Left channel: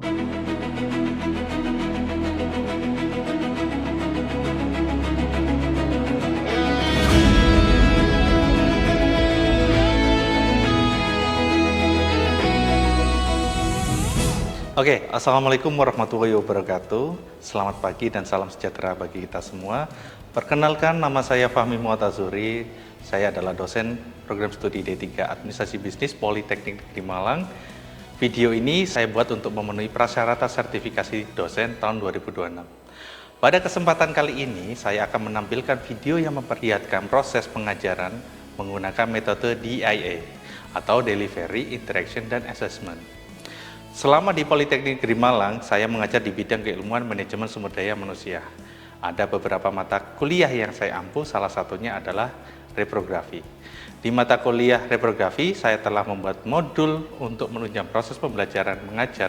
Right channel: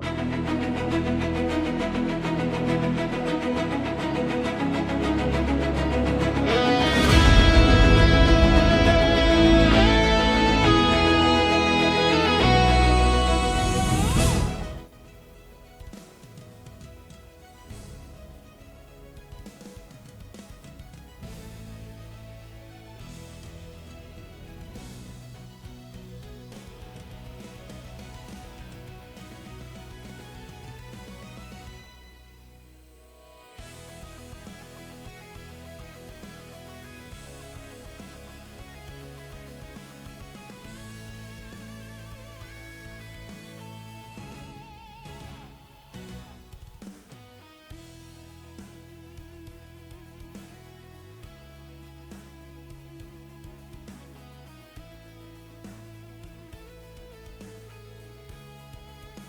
Oke, Assalamualaikum warahmatullahi wabarakatuh. Selamat pagi dan salam sejahtera bagi kita semua. Perkenalkan, nama saya Fahmi Muatazuri. Saya adalah dosen program studi D3 Administrasi Bisnis Politeknik di Malang. Video ini saya buat untuk memenuhi prasyarat sertifikasi dosen tahun 2026. Pada kesempatan kali ini, saya akan menampilkan video yang memperlihatkan proses pengajaran menggunakan metode DIA atau Delivery, Interaction, dan Assessment. Selama di Politeknik Negeri Malang, saya mengajar di bidang keilmuan manajemen sumber daya manusia. Ada beberapa mata kuliah yang saya ampu, salah satunya adalah reprografi. Di mata kuliah reprografi, saya telah membuat modul untuk menunjang proses pembelajaran mengajar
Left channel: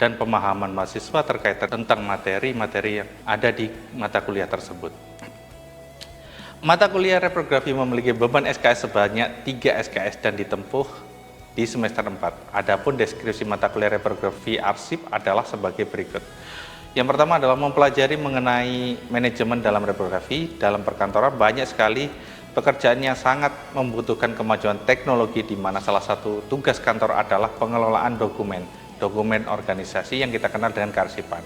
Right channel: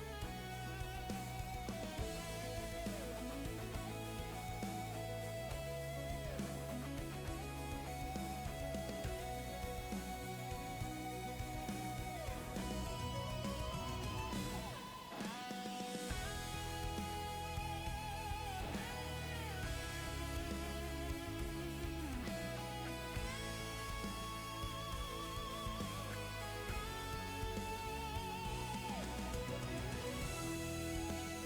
dan pemahaman mahasiswa terkait tentang materi-materi yang ada di mata kuliah tersebut. Mata kuliah reprografi memiliki beban SKS sebanyak 3 SKS dan ditempuh di semester 4. Adapun deskripsi mata kuliah reprografi arsip adalah sebagai berikut. Yang pertama adalah mempelajari mengenai manajemen dalam reprografi. Dalam perkantoran banyak sekali pekerjaan yang sangat membutuhkan kemajuan teknologi, di mana salah satu tugas kantor adalah pengelolaan dokumen organisasi yang kita kenal dengan kearsipan.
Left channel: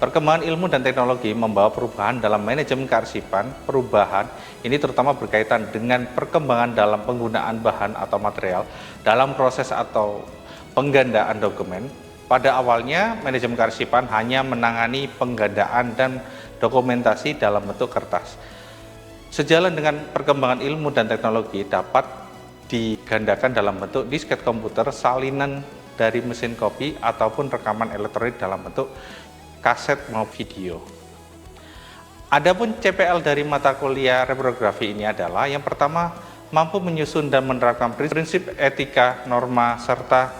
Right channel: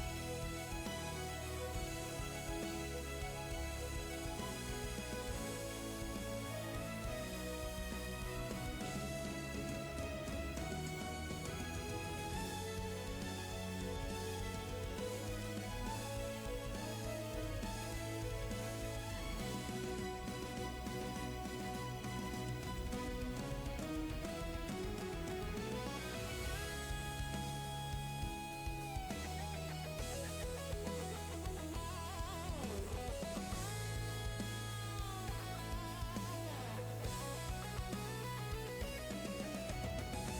Perkembangan ilmu dan teknologi membawa perubahan dalam manajemen kearsipan. Perubahan ini terutama berkaitan dengan perkembangan dalam penggunaan bahan atau material dalam proses atau penggandaan dokumen. Pada awalnya, manajemen kearsipan hanya menangani penggandaan dan dokumentasi dalam bentuk kertas. Sejalan dengan perkembangan ilmu dan teknologi, dapat digandakan dalam bentuk disket komputer, salinan dari mesin kopi, ataupun rekaman elektronik dalam bentuk kaset maupun video. Adapun CPL dari mata kuliah reprografi ini adalah yang pertama, mampu menyusun dan menerapkan prinsip etika, norma, serta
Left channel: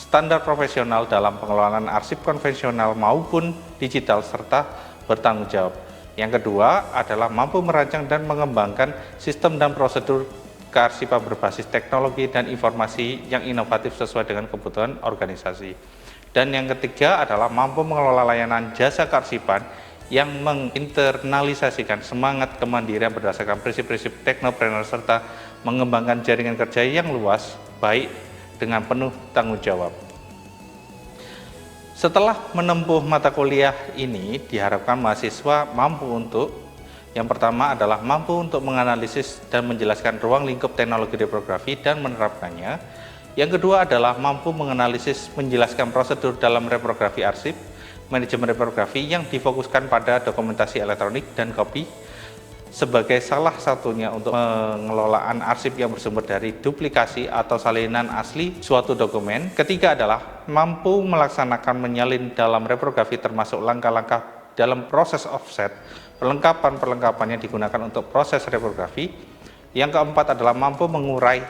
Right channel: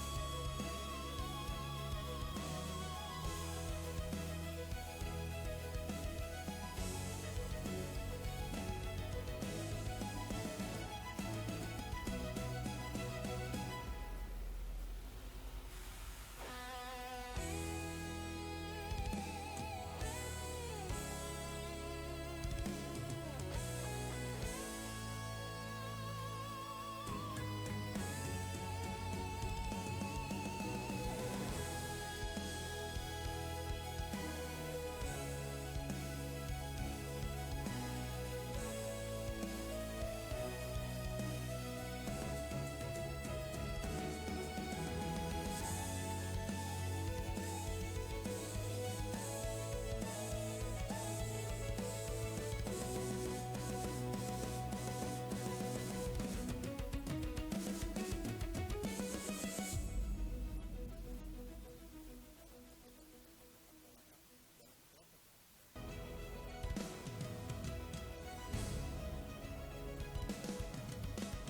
standar profesional dalam pengelolaan arsip konvensional maupun digital, serta bertanggung jawab. Yang kedua adalah mampu merancang dan mengembangkan sistem dan prosedur kearsipan berbasis teknologi dan informasi yang inovatif sesuai dengan kebutuhan organisasi. Dan yang ketiga adalah mampu mengelola layanan jasa kearsipan yang menginternalisasikan semangat kemandirian berdasarkan prinsip-prinsip teknopreneur serta mengembangkan jaringan kerja yang luas, baik dengan penuh tanggung jawab. Setelah menempuh mata kuliah ini, diharapkan mahasiswa mampu untuk yang pertama adalah mampu untuk menganalisis dan menjelaskan ruang lingkup teknologi reprografi dan menerapkannya. Yang kedua adalah mampu menganalisis, menjelaskan prosedur dalam reprografi arsip, manajemen reprografi yang difokuskan pada dokumentasi elektronik dan kopi sebagai salah satunya untuk pengelolaan arsip yang bersumber dari duplikasi atau salinan asli suatu dokumen. Ketiga adalah mampu melaksanakan menyalin dalam reprografi termasuk langkah-langkah dalam proses offset, perlengkapan-perlengkapan yang digunakan untuk proses reprografi. Yang keempat adalah mampu mengurai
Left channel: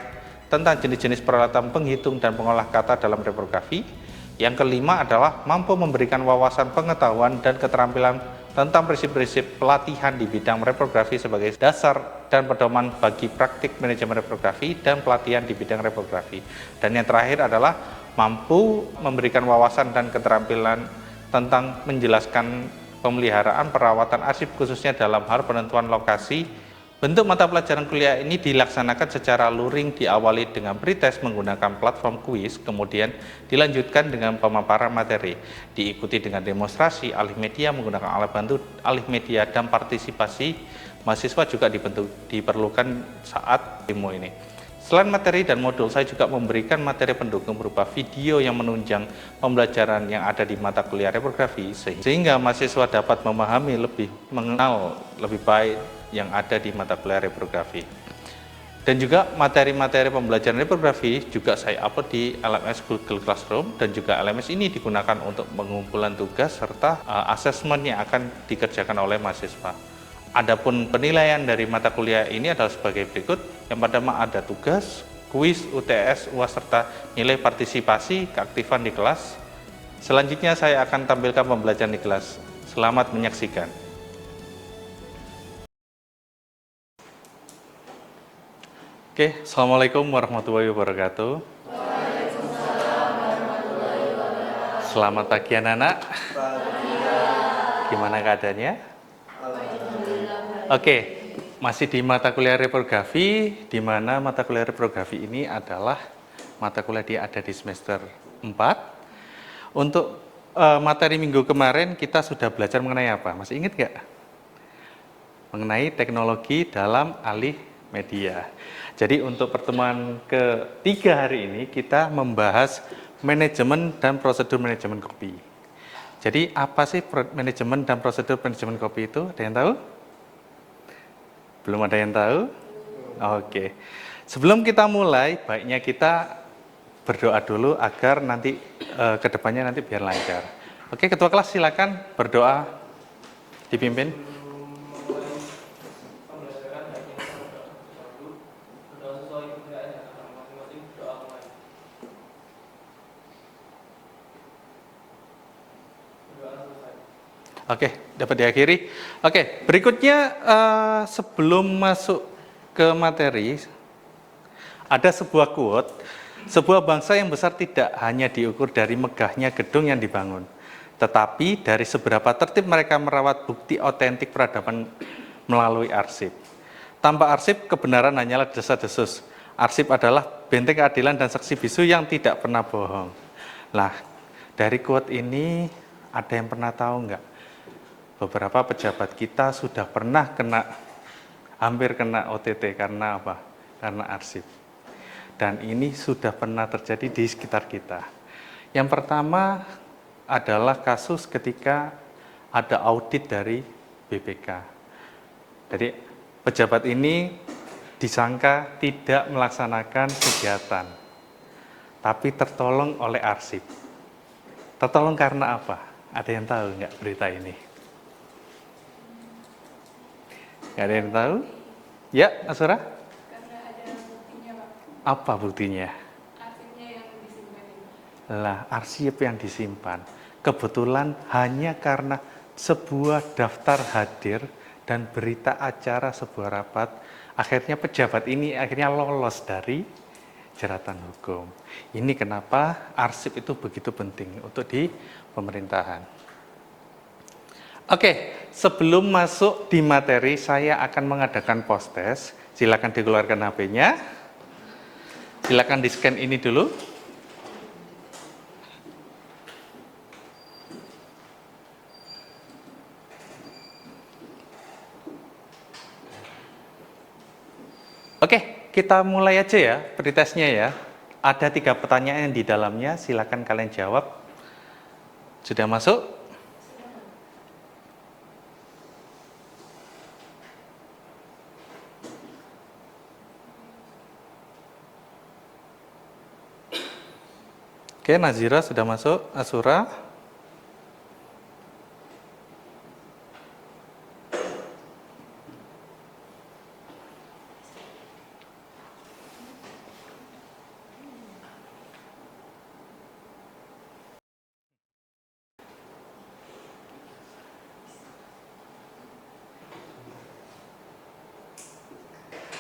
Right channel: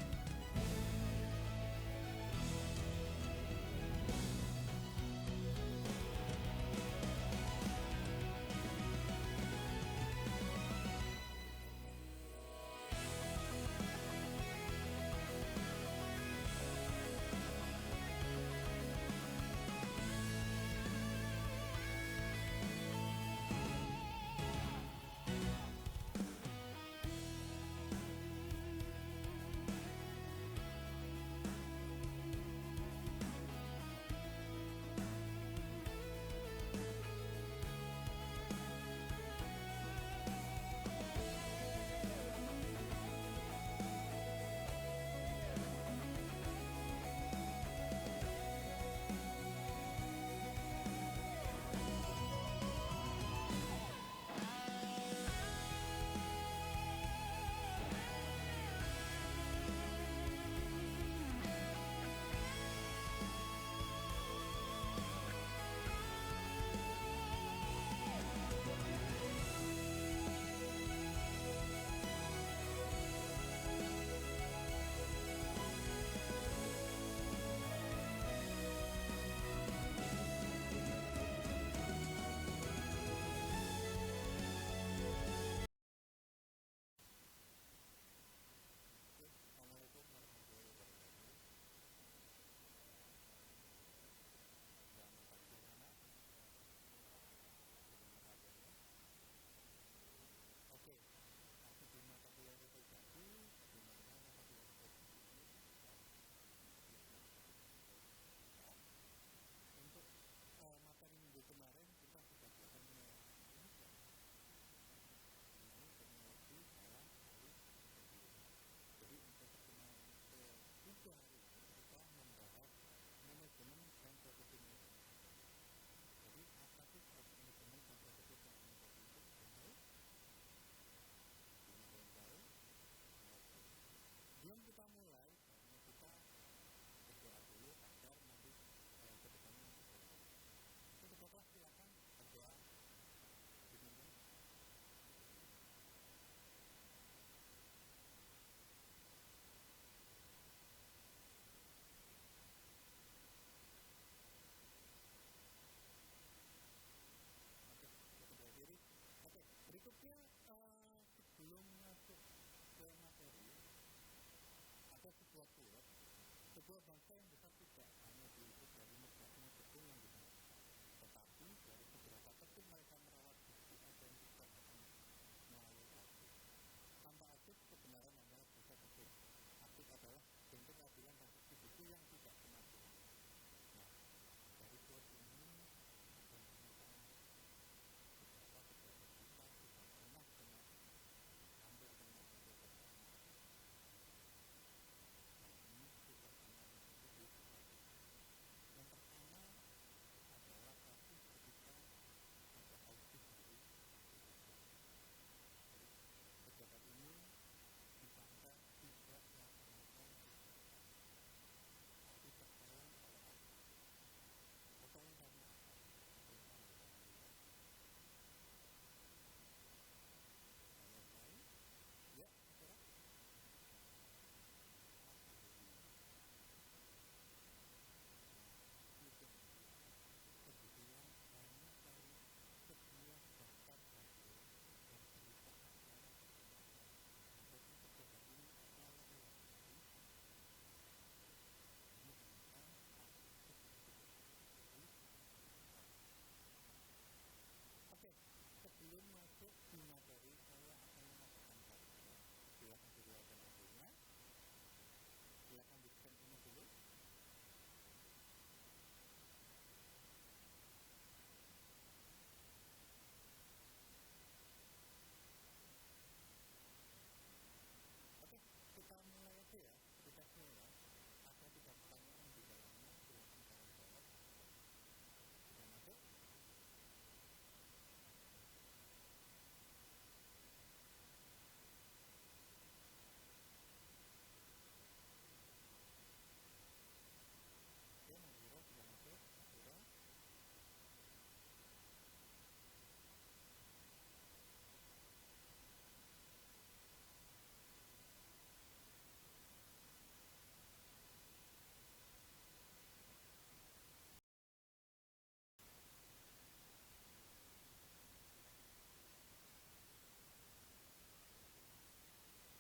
tentang jenis-jenis peralatan penghitung dan pengolah kata dalam reprografi. Yang kelima adalah mampu memberikan wawasan pengetahuan dan keterampilan tentang prinsip-prinsip pelatihan di bidang reprografi sebagai dasar dan pedoman bagi praktik manajemen reprografi dan pelatihan di bidang reprografi. Dan yang terakhir adalah mampu memberikan wawasan dan keterampilan tentang menjelaskan pemeliharaan perawatan arsip khususnya dalam hal penentuan lokasi. Bentuk mata pelajaran kuliah ini dilaksanakan secara luring, diawali dengan pretest menggunakan platform kuis, kemudian dilanjutkan dengan pemaparan materi, diikuti dengan demonstrasi alih media menggunakan alat bantu alih media, dan partisipasi mahasiswa juga diperlukan saat demo ini. Selain materi dan modul, saya juga memberikan materi pendukung berupa video yang menunjang pembelajaran yang ada di mata kuliah reprografi, sehingga mahasiswa dapat memahami mengenal lebih baik yang ada di mata kuliah reprografi. Dan juga materi-materi pembelajaran reprografi juga saya upload di LMS Google Classroom, dan juga LMS ini digunakan untuk pengumpulan tugas serta asesmen yang akan dikerjakan oleh mahasiswa. Adapun penilaian dari mata kuliah ini adalah sebagai berikut. Yang pertama ada tugas, kuis, UTS, UAS, serta nilai partisipasi keaktifan di kelas. Selanjutnya saya akan tampilkan pembelajaran di kelas. Selamat menyaksikan. Oke, Assalamualaikum warahmatullahi wabarakatuh. Waalaikumsalam warahmatullahi wabarakatuh. Selamat pagi anak-anak. Gimana keadaannya? Oke, masih di mata kuliah reprografi, di mana mata kuliah reprografi ini adalah mata kuliah yang ada di semester 4. Untuk materi minggu kemarin kita sudah belajar mengenai apa? Masih ingat nggak? Mengenai teknologi dalam alih media. Jadi untuk pertemuan ketiga hari ini kita membahas manajemen dan prosedur manajemen kopi. Jadi apa sih manajemen dan prosedur manajemen kopi itu? Ada yang tahu? Belum ada yang tahu? Oke. Sebelum kita mulai, baiknya kita berdoa dulu agar nanti kedepannya nanti biar lancar. Oke, ketua kelas silakan berdoa dipimpin. Oke, dapat diakhiri. Oke, berikutnya sebelum masuk ke materi, ada sebuah quote, sebuah bangsa yang besar tidak hanya diukur dari megahnya gedung yang dibangun, tetapi dari seberapa tertib mereka merawat bukti otentik peradaban melalui arsip. Tanpa arsip, kebenaran hanyalah desas-desus. Arsip adalah benteng keadilan dan saksi bisu yang tidak pernah bohong. Nah, dari quote ini ada yang pernah tahu nggak? Beberapa pejabat kita sudah pernah hampir kena OTT karena apa? Karena arsip. Dan ini sudah pernah terjadi di sekitar kita. Yang pertama adalah kasus ketika ada audit dari BPK. Jadi pejabat ini disangka tidak melaksanakan kegiatan, tapi tertolong oleh arsip. Tertolong karena apa? Ada yang tahu nggak berita ini? Nggak ada yang tahu? Ya, Asura? Karena ada buktinya, Pak. Apa buktinya? Arsipnya yang disimpan. Lah, arsip yang disimpan. Kebetulan hanya karena sebuah daftar hadir dan berita acara sebuah rapat, akhirnya pejabat ini akhirnya lolos dari jeratan hukum. Ini kenapa arsip itu begitu penting untuk di pemerintahan. Oke, sebelum masuk di materi, saya akan mengadakan post test. Silakan dikeluarkan HP-nya. Silakan di-scan ini dulu. Oke, kita mulai aja ya pretestnya ya. Ada 3 pertanyaan di dalamnya, silakan kalian jawab. Sudah masuk? Oke, Nazira sudah masuk, Asura.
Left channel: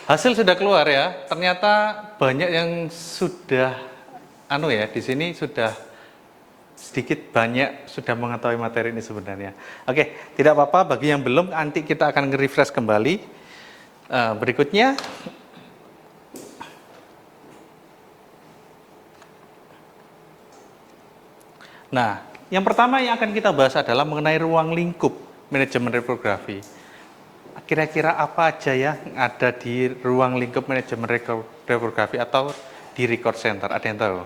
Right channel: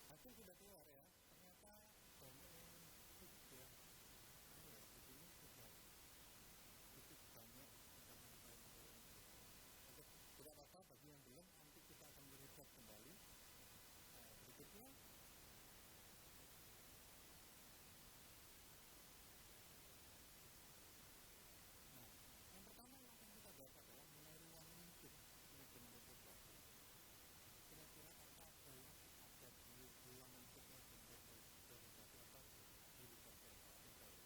Hasil sudah keluar ya. Ternyata banyak yang sudah di sini sudah sedikit banyak sudah mengetahui materi ini sebenarnya. Oke, tidak apa-apa bagi yang belum, nanti kita akan nge-refresh kembali. Berikutnya nah, yang pertama yang akan kita bahas adalah mengenai ruang lingkup manajemen reprografi. Kira-kira apa aja ya yang ada di ruang lingkup manajemen reprografi atau di record center? Ada yang tahu?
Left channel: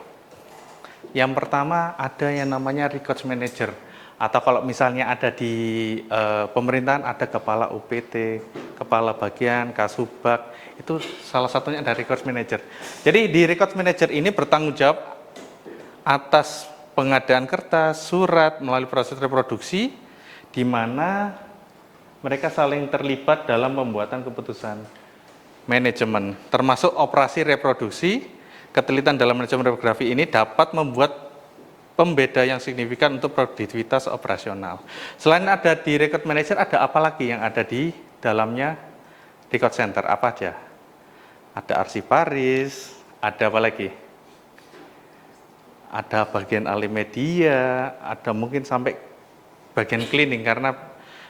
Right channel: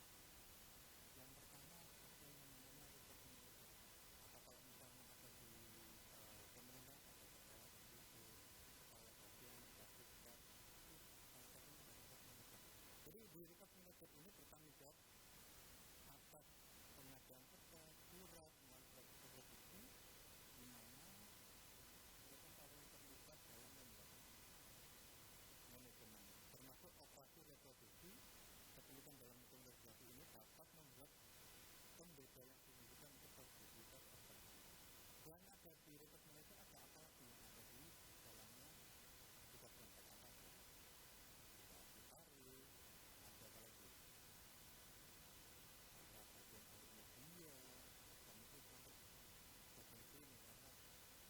Yang pertama ada yang namanya records manager, atau kalau misalnya ada di pemerintahan ada kepala UPT, kepala bagian, kasubag, itu salah satunya ada records manager. Jadi di records manager ini bertanggung jawab atas pengadaan kertas, surat melalui proses reproduksi, di mana mereka saling terlibat dalam pembuatan keputusan manajemen, termasuk operasi reproduksi. Ketelitian dalam manajemen reprografi ini dapat membuat pembeda yang signifikan untuk produktivitas operasional. Selain ada di record manager, ada apa lagi yang ada di dalamnya record center? Apa aja? Ada arsiparis, ada apa lagi? ada bagian Alimedia, ada mungkin sampai bagian cleaning karena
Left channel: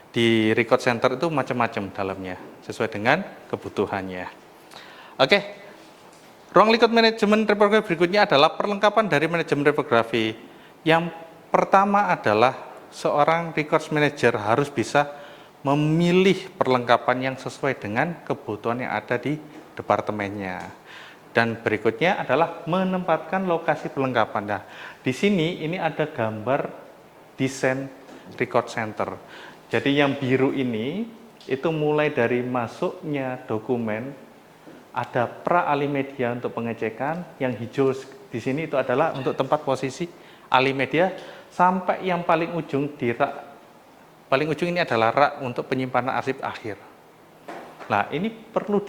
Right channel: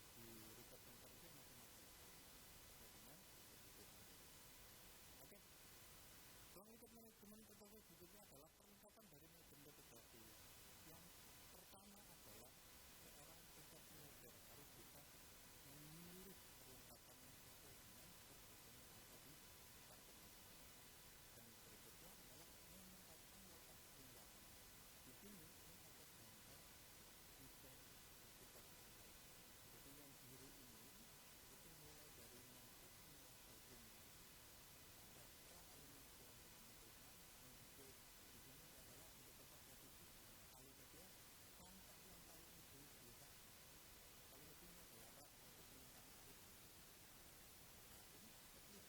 di record center itu macam-macam dalamnya sesuai dengan kebutuhannya. Oke, ruang lingkup manajemen reprografi berikutnya adalah perlengkapan dari manajemen reprografi. Yang pertama adalah seorang records manager harus bisa memilih perlengkapan yang sesuai dengan kebutuhan yang ada di departemennya. Dan berikutnya adalah menempatkan lokasi perlengkapan. Nah, di sini ini ada gambar desain record center. Jadi yang biru ini itu mulai dari masuknya dokumen, ada pra Alimedia untuk pengecekan, yang hijau di sini itu adalah untuk tempat posisi Alimedia, sampai yang paling ujung di rak. Paling ujung ini adalah rak untuk penyimpanan arsip akhir. Nah, ini perlu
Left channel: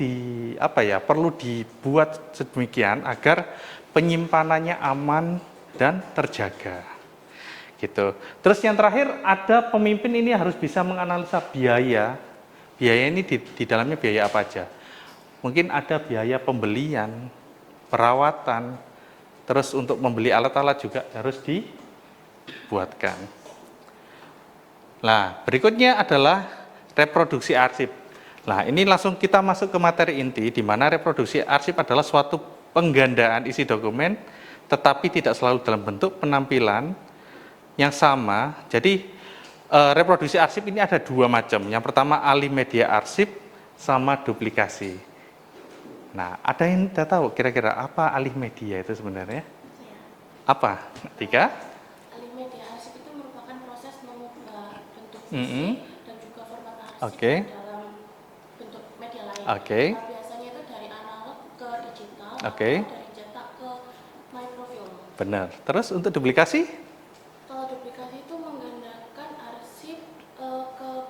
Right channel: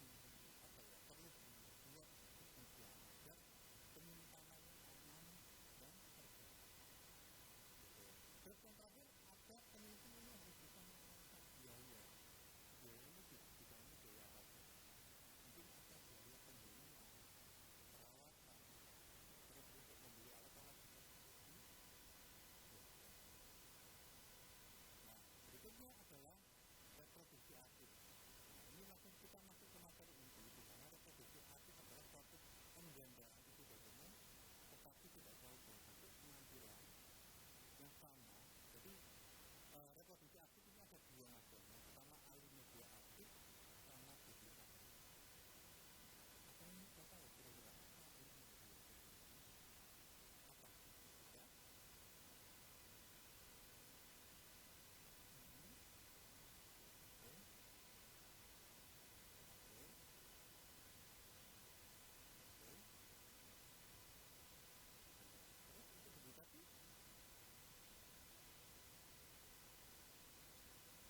perlu dibuat sedemikian agar penyimpanannya aman dan terjaga. Gitu. Terus yang terakhir, ada pemimpin ini harus bisa menganalisa biaya. Biaya ini di dalamnya biaya apa aja? Mungkin ada biaya pembelian, perawatan, terus untuk membeli alat-alat juga harus dibuatkan. Nah, berikutnya adalah reproduksi arsip. Nah, ini langsung kita masuk ke materi inti, di mana reproduksi arsip adalah suatu penggandaan isi dokumen, tetapi tidak selalu dalam bentuk penampilan yang sama. Jadi, reproduksi arsip ini ada dua macam. Yang pertama, Alimedia arsip sama duplikasi. Nah, ada yang tidak tahu kira-kira apa Alimedia itu sebenarnya? Apa? Tiga? Alimedia arsip itu merupakan proses mengubah bentuk fisik dan juga format arsip dalam bentuk media lain. Biasanya itu dari analog ke digital, atau dari cetak ke microfilm. Benar. Terus untuk duplikasi? Kalau duplikasi itu menggandakan arsip ke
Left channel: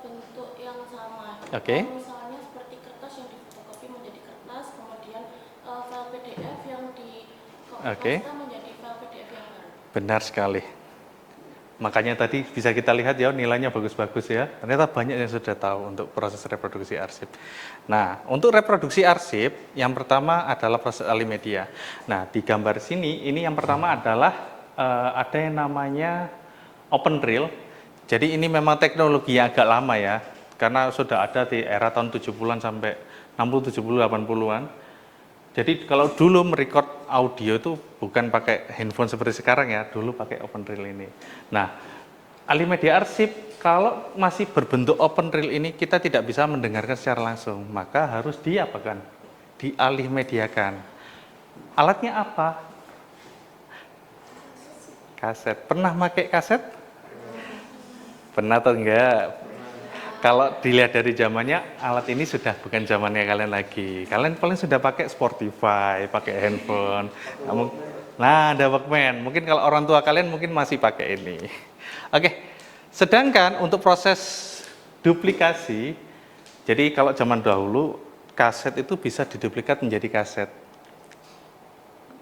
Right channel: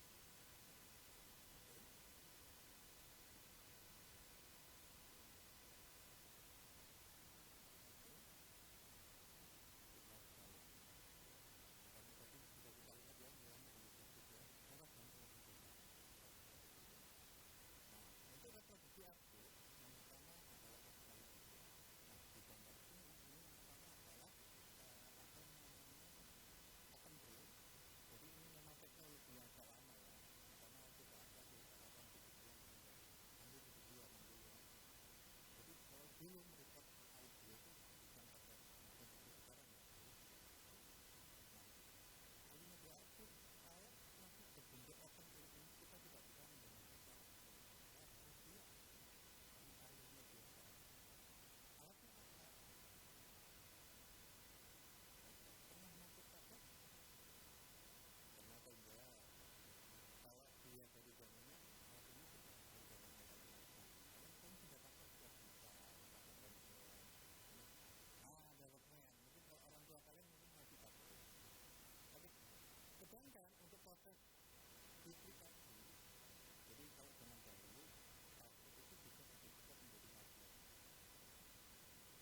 bentuk yang sama. Misalnya seperti kertas yang difotokopi menjadi kertas, kemudian file PDF yang dikompilasi menjadi file PDF yang baru. Benar sekali. Makanya tadi bisa kita lihat ya nilainya bagus-bagus ya. Ternyata banyak yang sudah tahu untuk proses reproduksi arsip. Nah, untuk reproduksi arsip yang pertama adalah proses Alimedia. Nah, di gambar sini ini yang pertama adalah ada yang namanya OpenReel. Jadi ini memang teknologi yang agak lama ya. Karena sudah ada di era tahun 70-an sampai 60, 70, 80-an. Jadi kalau dulu merecord audio itu bukan pakai handphone seperti sekarang ya, dulu pakai OpenReel ini. Nah, Alimedia arsip kalau masih berbentuk OpenReel ini kita tidak bisa mendengarkan secara langsung, maka harus diapakan? Dialimediakan. Alatnya apa? Kaset. Pernah pakai kaset? Pernah atau enggak? Kalau dilihat dari zamannya, alat ini sudah bukan zamannya kalian lagi. Kalian paling sudah pakai Spotify, pakai handphone. Nah, ada Walkman. Mungkin kalau orang tua kalian mungkin masih pakai ini. Oke, sedangkan untuk proses duplikasi, jadi kalau zaman dahulu, kaset itu bisa diduplikat menjadi kaset.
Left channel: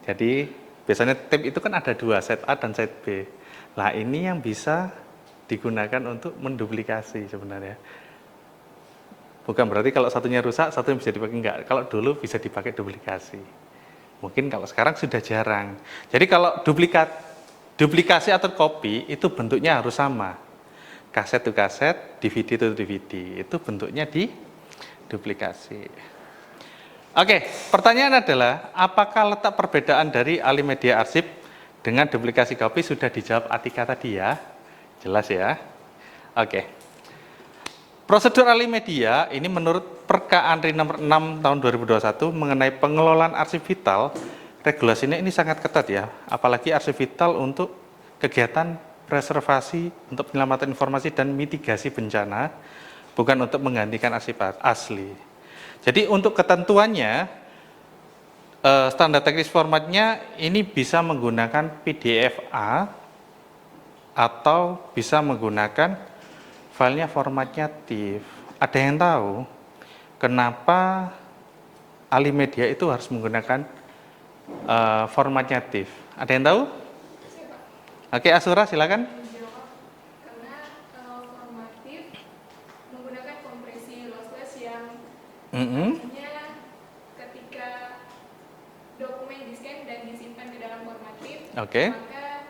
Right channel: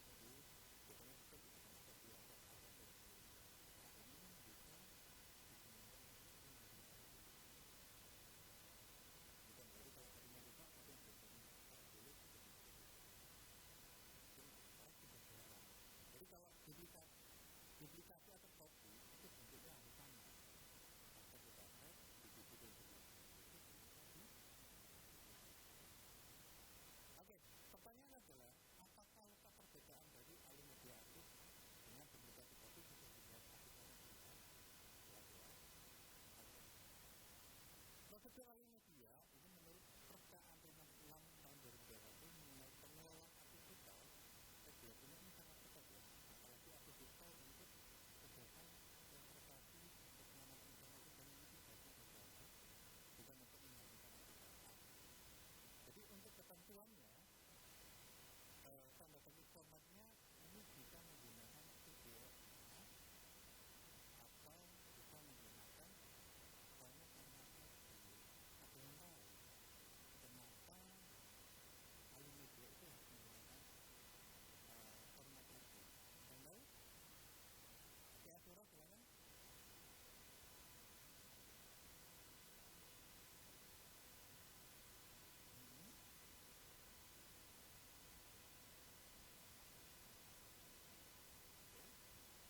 Jadi, biasanya tape itu kan ada dua, set A dan set B. Nah, ini yang bisa digunakan untuk menduplikasi sebenarnya. Bukan berarti kalau satunya rusak, satunya bisa dipakai, enggak. Kalau dulu bisa dipakai duplikasi. Mungkin kalau sekarang sudah jarang. Jadi kalau duplikasi atau copy itu bentuknya harus sama. Kaset itu kaset, DVD itu DVD. Itu bentuknya di duplikasi. Oke, pertanyaan adalah apakah letak perbedaan dari Alimedia arsip dengan duplikasi copy? Sudah dijawab Atika tadi ya. Jelas ya? Oke. Prosedur Alimedia ini menurut Perka Andri nomor 6 tahun 2021 mengenai pengelolaan arsip vital, regulasinya ini sangat ketat ya, apalagi arsip vital untuk kegiatan preservasi, untuk penyelamatan informasi dan mitigasi bencana, bukan untuk menggantikan arsip asli. Jadi untuk ketentuannya, standar teknis formatnya ini bisa menggunakan PDF-A atau bisa menggunakan filenya formatnya TIFF. Ada yang tahu kenapa Alimedia itu harus menggunakan formatnya TIFF? Ada yang tahu? Oke, Asura silakan. Karena format TIFF menggunakan kompresi lossless yang artinya ketika dokumen di-scan dan disimpan ke dalam format TIFF, maka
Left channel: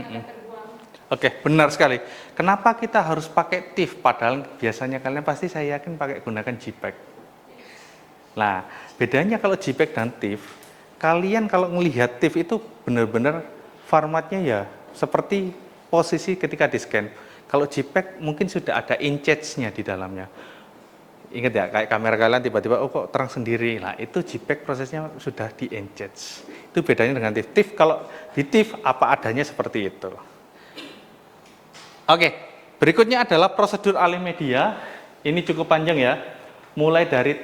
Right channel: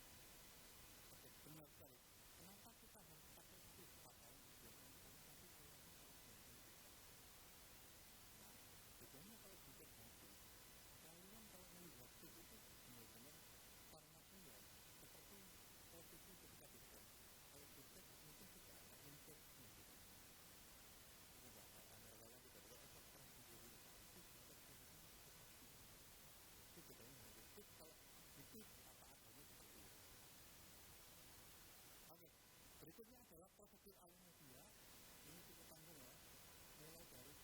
akan terbuang. Oke, benar sekali. Kenapa kita harus pakai TIFF? Padahal biasanya kalian pasti saya yakin pakai gunakan JPEG. Nah, bedanya kalau JPEG dan TIFF, kalian kalau melihat TIFF itu benar-benar formatnya ya seperti posisi ketika di-scan. Kalau JPEG mungkin sudah ada inches-nya di dalamnya. Ingat ya, kayak kamera kalian tiba-tiba, oh kok terang sendiri. Nah, itu JPEG prosesnya sudah di inches. Itu bedanya dengan TIFF. TIFF kalau di TIFF apa adanya seperti itu. Oke, berikutnya adalah prosedur alih media. Ini cukup panjang ya. Mulai dari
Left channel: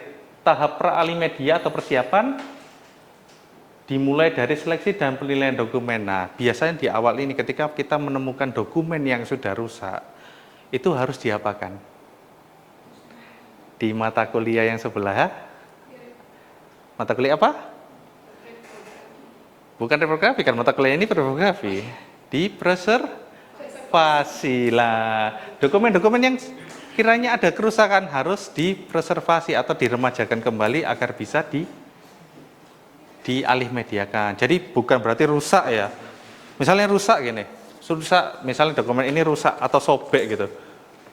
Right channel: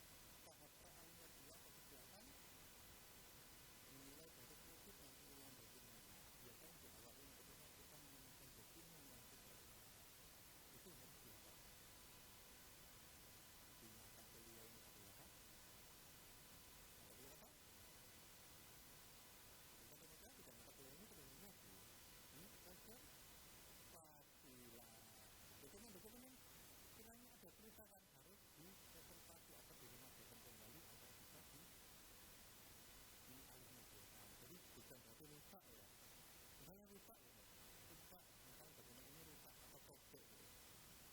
tahap pra-alih media atau persiapan, dimulai dari seleksi dan penilaian dokumen. Nah, biasanya di awal ini ketika kita menemukan dokumen yang sudah rusak, itu harus diapakan? Di mata kuliah yang sebelah, mata kuliah apa? Bukan reprografi, kan mata kuliah ini reprografi. Di preservasi lah. Dokumen-dokumen yang kiranya ada kerusakan harus dipreservasi atau diremajakan kembali agar bisa dialih mediakan. Jadi bukan berarti rusak ya. Misalnya rusak gini, rusak misalnya dokumen ini rusak atau sobek gitu.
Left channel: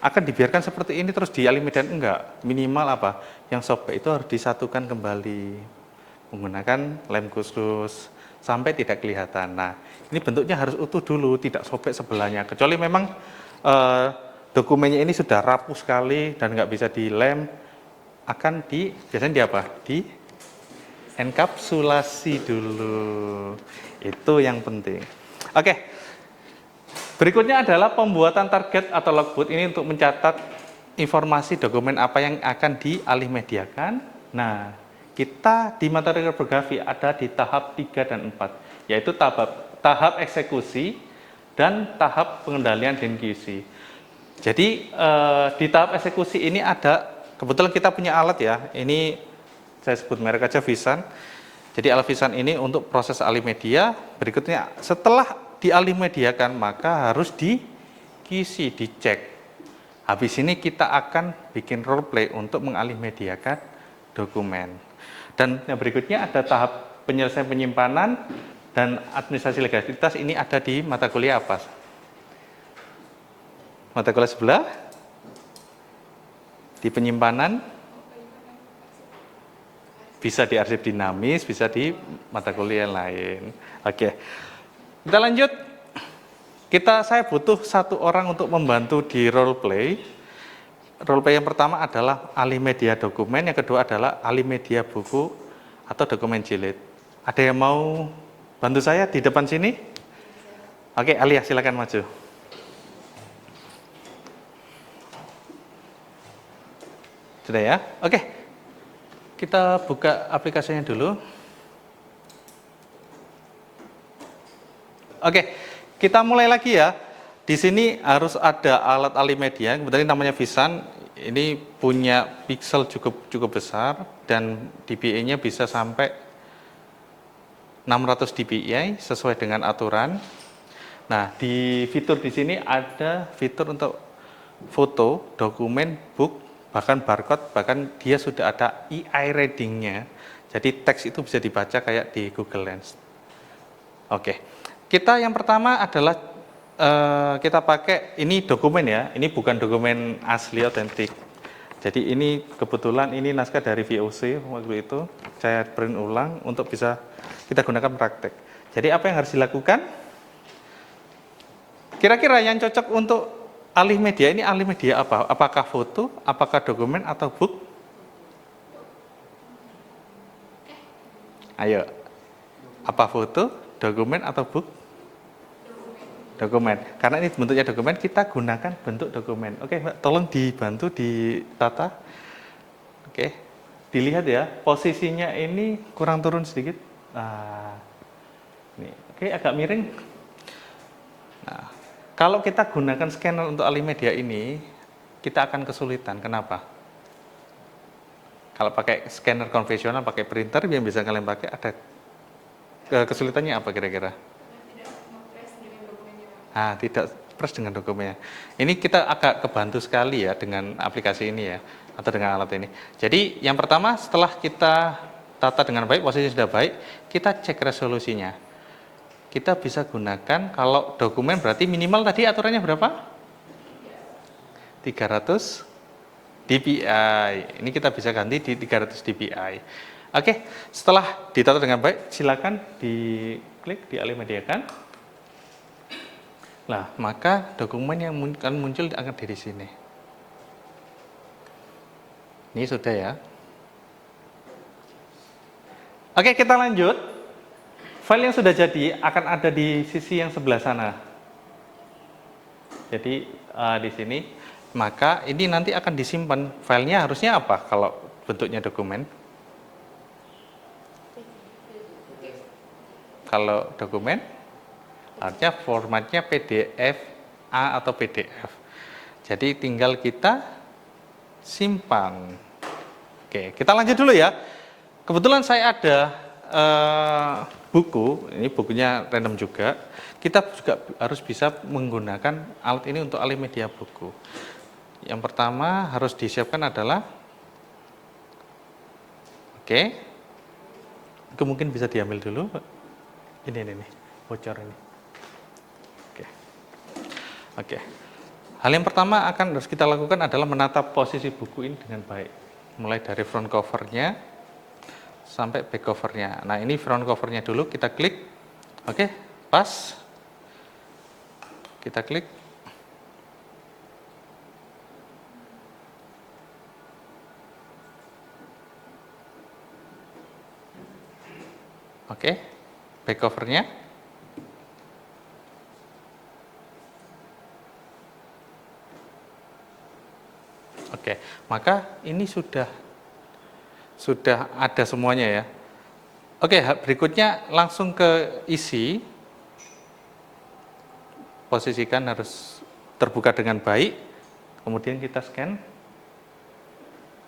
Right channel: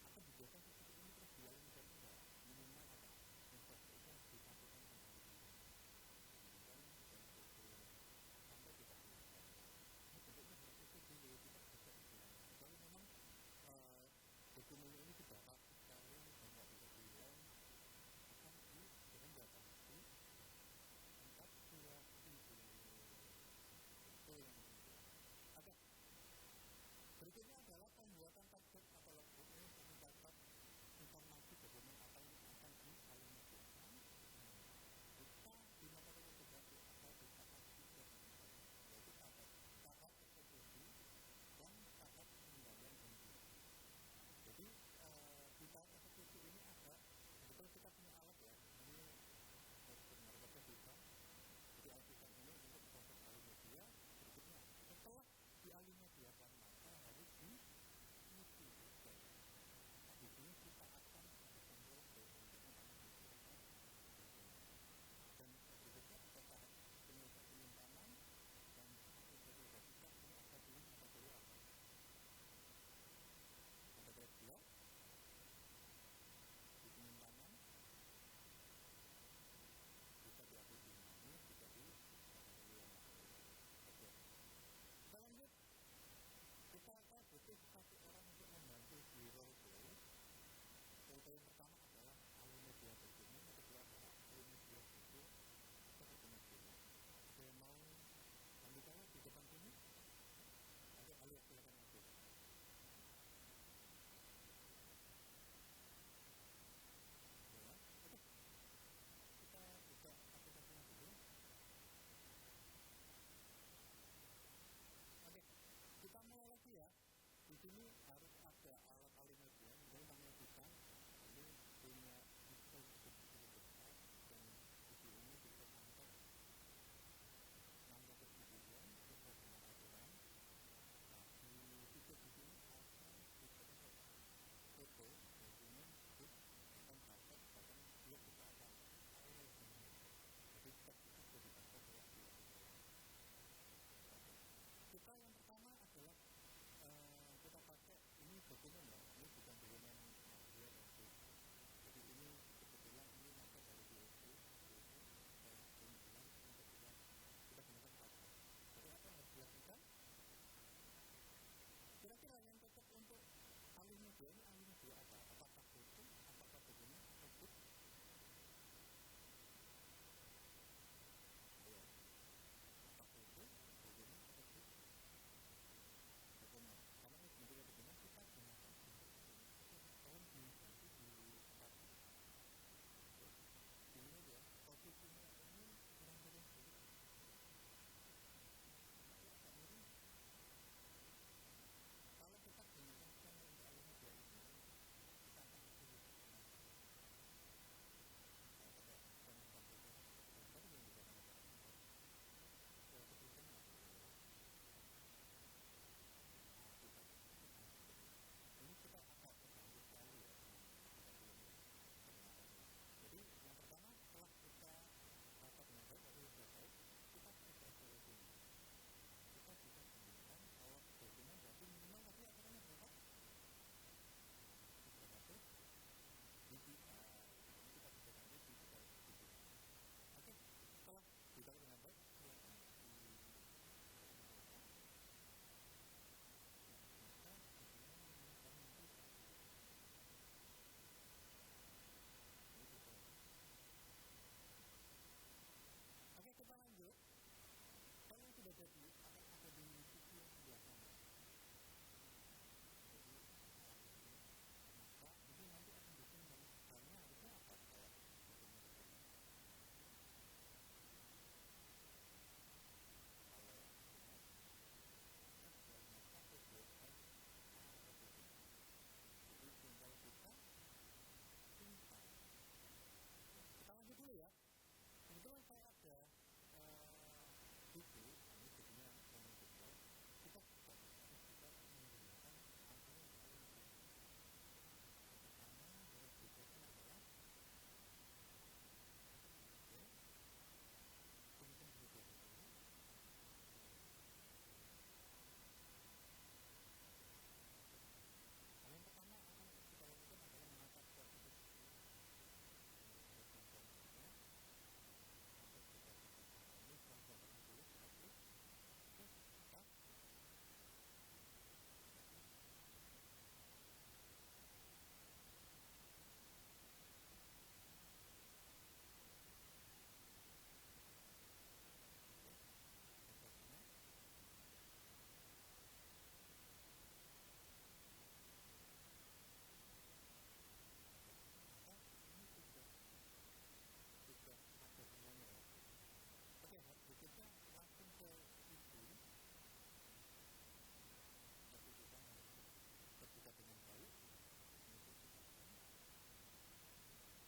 Akan dibiarkan seperti ini terus dialih mediakan? Enggak. Minimal apa? Yang sobek itu harus disatukan kembali menggunakan lem khusus sampai tidak kelihatan. Nah, ini bentuknya harus utuh dulu, tidak sobek sebelahnya. Kecuali memang dokumennya ini sudah rapuh sekali dan nggak bisa dilem, akan biasanya di apa? Di enkapsulasi dulu. Itu yang penting. Oke. Berikutnya adalah pembuatan target atau logbook. Ini untuk mencatat informasi dokumen apa yang akan dialih mediakan. Nah, kita di materi reprografi ada di tahap 3 dan 4, yaitu tahap eksekusi dan tahap pengendalian dan QC. Jadi di tahap eksekusi ini ada, kebetulan kita punya alat ya, ini saya sebut merek aja Visan. Jadi alat Visan ini untuk proses alih media. Berikutnya setelah dialih mediakan maka harus di QC, dicek. Habis ini kita akan bikin role play untuk mengalih mediakan dokumen. Dan yang berikutnya ada tahap penyelesaian penyimpanan dan administrasi legalitas. Ini ada di mata kuliah apa? Mata kuliah sebelah? Di penyimpanan? Bisa di arsip dinamis, bisa di mata kuliah lain. Oke. Kita lanjut. Saya butuh 1 orang untuk membantu di role play. Role play yang pertama adalah alih media dokumen, yang kedua adalah alih media buku atau dokumen jilid. Ada yang mau bantu saya di depan sini? Oke, Alia silakan maju. Sudah ya? Oke. Kita buka aplikasinya dulu. Oke, kita mulai lagi ya. Di sini harus ada alat alih media, kebetulan namanya Visan. Ini punya pixel cukup besar dan dpi-nya bisa sampai 600 dpi sesuai dengan aturan. Nah, di fitur di sini ada fitur untuk foto, dokumen, book, bahkan barcode, bahkan dia sudah ada EI reading-nya. Jadi teks itu bisa dibaca kayak di Google Lens. Oke. Kita yang pertama adalah kita pakai ini dokumen ya, ini bukan dokumen asli otentik. Jadi ini kebetulan ini naskah dari VOC waktu itu, saya print ulang untuk bisa kita gunakan praktek. Jadi apa yang harus dilakukan? Kira-kira yang cocok untuk alih media ini alih media apa? Apakah foto, apakah dokumen atau book? Ayo, apa foto, dokumen atau book? Dokumen. Karena ini bentuknya dokumen, kita gunakan bentuk dokumen. Oke, Mbak, tolong dibantu ditata. Oke, dilihat ya, posisinya ini kurang turun sedikit. Nah, ini. Oke, agak miring. Nah, kalau kita gunakan scanner untuk alih media ini, kita akan kesulitan. Kenapa? Kalau pakai scanner konvensional, pakai printer yang bisa kalian pakai, ada kesulitannya apa kira-kira? Tidak press dengan dokumennya. Ini kita agak kebantu sekali ya dengan aplikasi ini ya, atau dengan alat ini. Jadi yang pertama setelah kita tata dengan baik, posisi sudah baik, kita cek resolusinya. kita bisa gunakan, kalau dokumen berarti minimal tadi aturannya berapa? 300 dpi. Ini kita bisa ganti di 300 dpi. Oke, setelah ditata dengan baik, silakan diklik, dialimediakan. Nah, maka dokumen yang akan muncul akan di sini. Ini sudah ya. Oke, kita lanjut. File yang sudah jadi akan ada di sisi yang sebelah sana. Jadi di sini, maka ini nanti akan disimpan. Filenya harusnya apa kalau bentuknya dokumen? Kalau dokumen, artinya formatnya PDF A atau PDF. Jadi tinggal kita simpan. Oke, kita lanjut dulu ya. Kebetulan saya ada buku, ini bukunya random juga. Kita juga harus bisa menggunakan alat ini untuk alih media buku. Yang pertama harus disiapkan adalah, itu mungkin bisa diambil dulu. Ini nih, bocor ini. Oke. Hal yang pertama harus kita lakukan adalah menata posisi buku ini dengan baik. Mulai dari front covernya sampai back covernya. Nah, ini front covernya dulu, kita klik. Oke, pas. Kita klik. Oke, back covernya. Oke, maka ini sudah ada semuanya ya. Oke, berikutnya langsung ke isi. Posisikan harus terbuka dengan baik. Kemudian kita scan.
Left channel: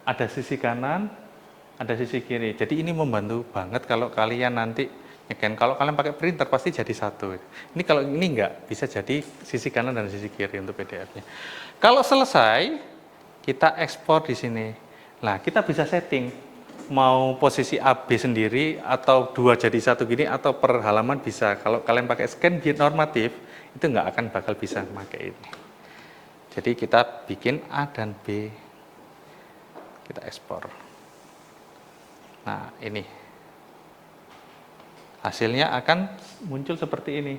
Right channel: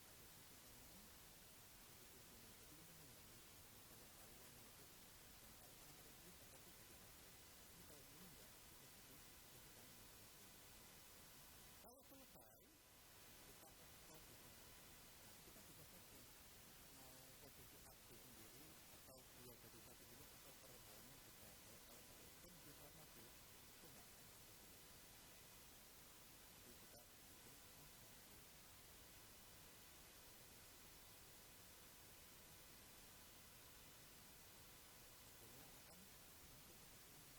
Ada sisi kanan, ada sisi kiri. Jadi ini membantu banget kalau kalian nanti nge-scan. Kalau kalian pakai printer pasti jadi satu. Ini kalau ini enggak, bisa jadi sisi kanan dan sisi kiri untuk PDF-nya. Kalau selesai, kita ekspor di sini. Nah, kita bisa setting mau posisi AB sendiri atau 2 jadi 1 gini atau per halaman bisa. Kalau kalian pakai scan normatif, itu nggak akan bakal bisa memakai ini. Jadi kita bikin A dan B, kita ekspor. Nah, ini hasilnya akan muncul seperti ini.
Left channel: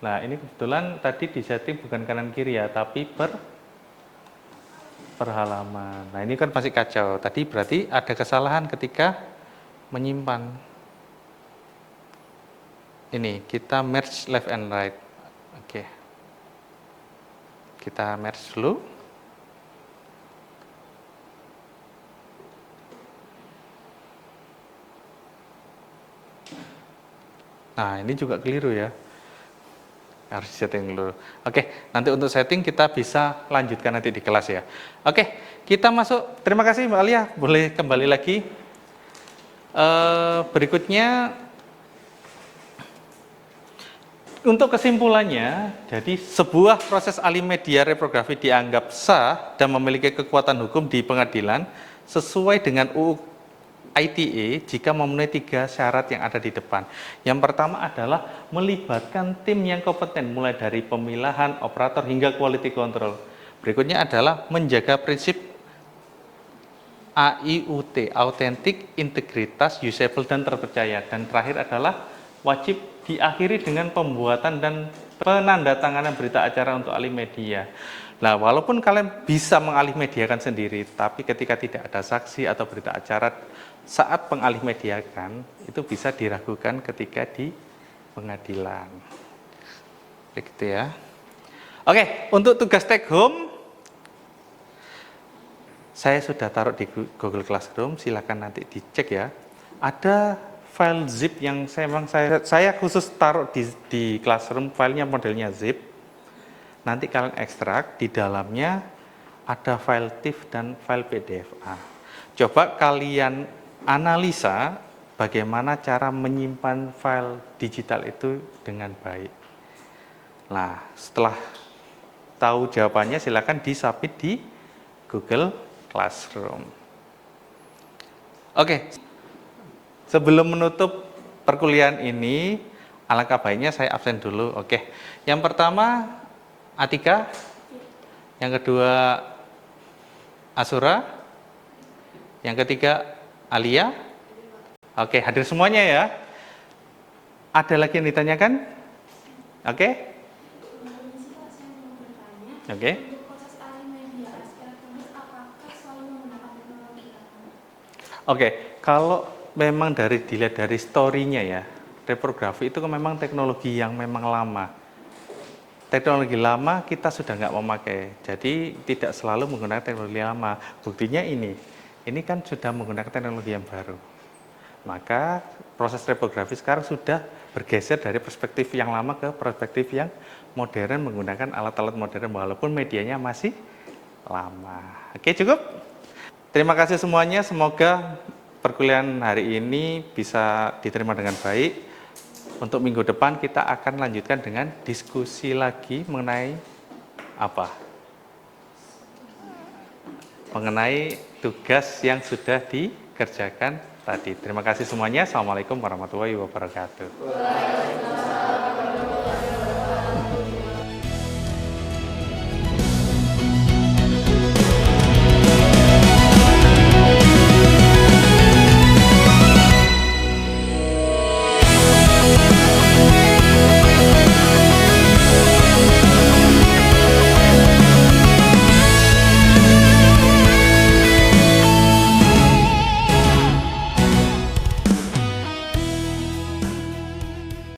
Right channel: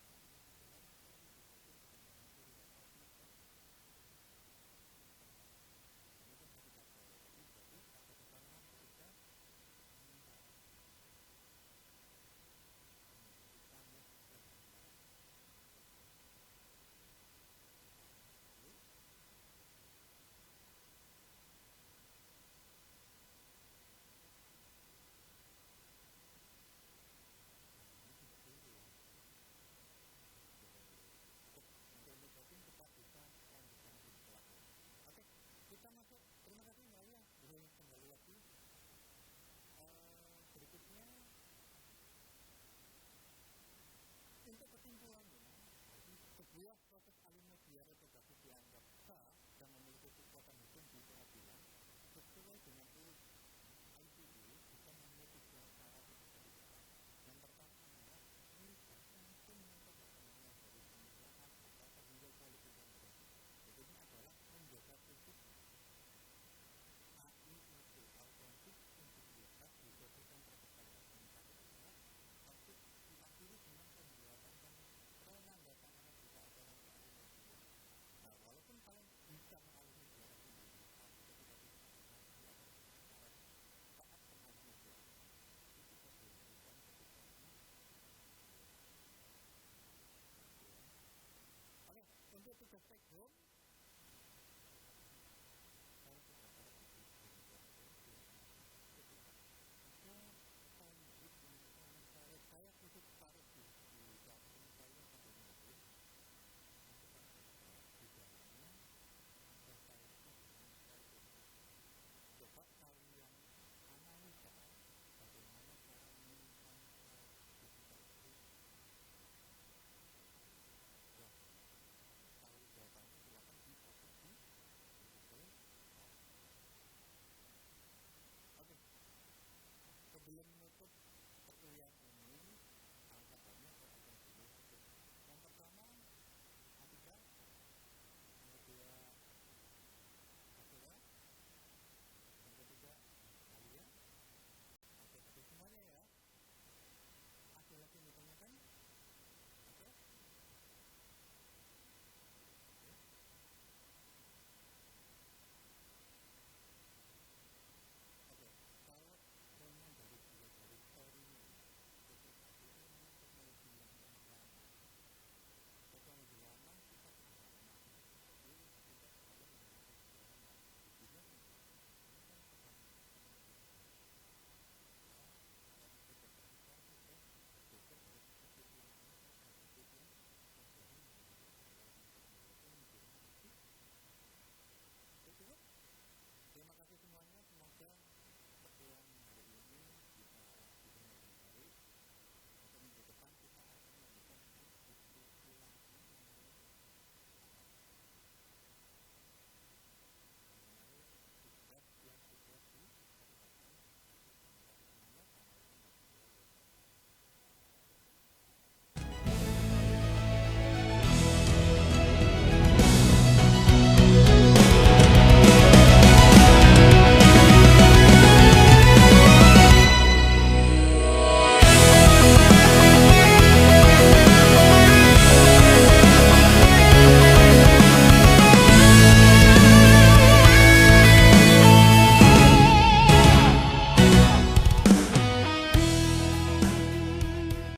Nah, ini kebetulan tadi disetting bukan kanan kiri ya, tapi per halaman. Nah, ini kan masih kacau. Tadi berarti ada kesalahan ketika menyimpan. Ini kita merge left and right. Oke. Kita merge dulu. Nah, ini juga keliru ya. Harus setting dulu. Oke, nanti untuk setting kita bisa lanjutkan nanti di kelas ya. Oke, kita masuk. Terima kasih Mbak Alia, boleh kembali lagi. Berikutnya, untuk kesimpulannya, jadi sebuah proses alih media reprografi dianggap sah dan memiliki kekuatan hukum di pengadilan sesuai dengan UU ITE jika memenuhi 3 syarat yang ada di depan. Yang pertama adalah melibatkan tim yang kompeten mulai dari pemilahan, operator hingga quality control. Berikutnya adalah menjaga prinsip AIUT, autentik, integritas, usable, dan terpercaya. Dan terakhir adalah wajib diakhiri dengan pembuatan dan penandatanganan berita acara untuk alih media. Nah, walaupun kalian bisa mengalih mediakan sendiri, tapi ketika tidak ada saksi atau berita acara saat pengalih mediakan, itu bisa diragukan ketika di pengadilan. Begitu ya. Oke, untuk tugas take home, saya sudah taruh di Google Classroom, silakan nanti dicek ya. Ada file zip yang saya khusus taruh di Classroom, filenya modelnya zip. Nanti kalian ekstrak, di dalamnya ada file TIFF dan file PDF-A. Coba kalian analisa bagaimana cara menyimpan file digital itu dengan baik. Nah, setelah tahu jawabannya, silakan di-submit di Google Classroom. Oke, sebelum menutup perkuliahan ini alangkah baiknya saya absen dulu. Oke. Yang pertama Atika, yang kedua Asura, yang ketiga Alia. Oke, hadir semuanya ya. Ada lagi yang ditanyakan? Oke. Oke. Oke, kalau memang dilihat dari story-nya ya, reprografi itu memang teknologi yang memang lama. Teknologi lama kita sudah nggak memakai, jadi tidak selalu menggunakan teknologi lama. Buktinya ini kan sudah menggunakan teknologi yang baru. Maka proses reprografi sekarang sudah bergeser dari perspektif yang lama ke perspektif yang modern menggunakan alat-alat modern walaupun medianya masih lama. Oke, cukup? Terima kasih semuanya, semoga perkuliahan hari ini bisa diterima dengan baik. Untuk minggu depan kita akan lanjutkan dengan diskusi lagi mengenai apa? Mengenai tugas yang sudah dikerjakan tadi. Terima kasih semuanya. Assalamualaikum warahmatullahi wabarakatuh.